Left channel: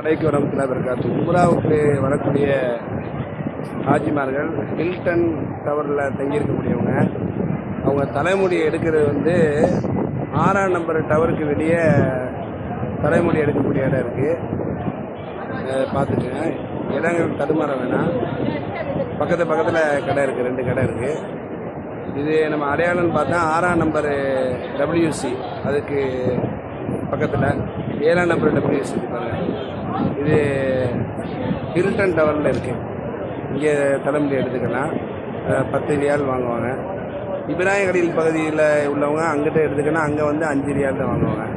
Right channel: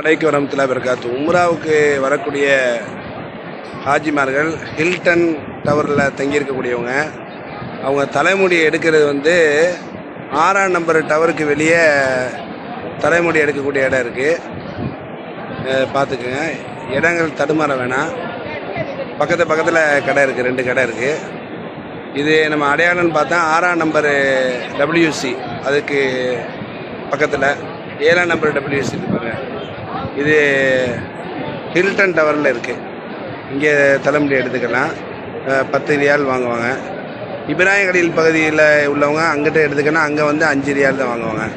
அலைக்கு வரமத்துல்லாஹி வபரகாத்துஹு. உம்ராவுக்கு வரக்கூடிய ஹாஜிமார்கள் ஹில்டன் டவரில் தங்கியிருக்கக்கூடியவங்க, அவங்க தலைமுடி எடுக்கிறது வந்து 6ஆம் நம்பர் டவருக்கு வெளியே தலைமுடி எடுக்கக்கூடிய இடம் இருக்குது. பார்த்துக்குங்க, இடங்கள் தடுமாற வேணாம். பக்கத்தில் கடை இருக்குது, 2 கடை இருக்குது. இது நம்ம அடையாளம்னு பார்த்தா 6ஆம் நம்பர் WC, அதுக்கு பக்கத்தில் 7ஆம் நம்பர் WC இருப்பாங்க. இது ஹில்டன் டவரில் இருக்குது. இங்கே தலைமுடி எடுத்துக்கலாம். 10 ரியால் வாங்குவாங்க. இப்ராஹிம் கலீல் பகுதியில் உள்ளவங்க அங்கிட்ட எடுத்துக்கன்னா அங்கே வந்து 5 ரியால் தான் வாங்குவாங்க.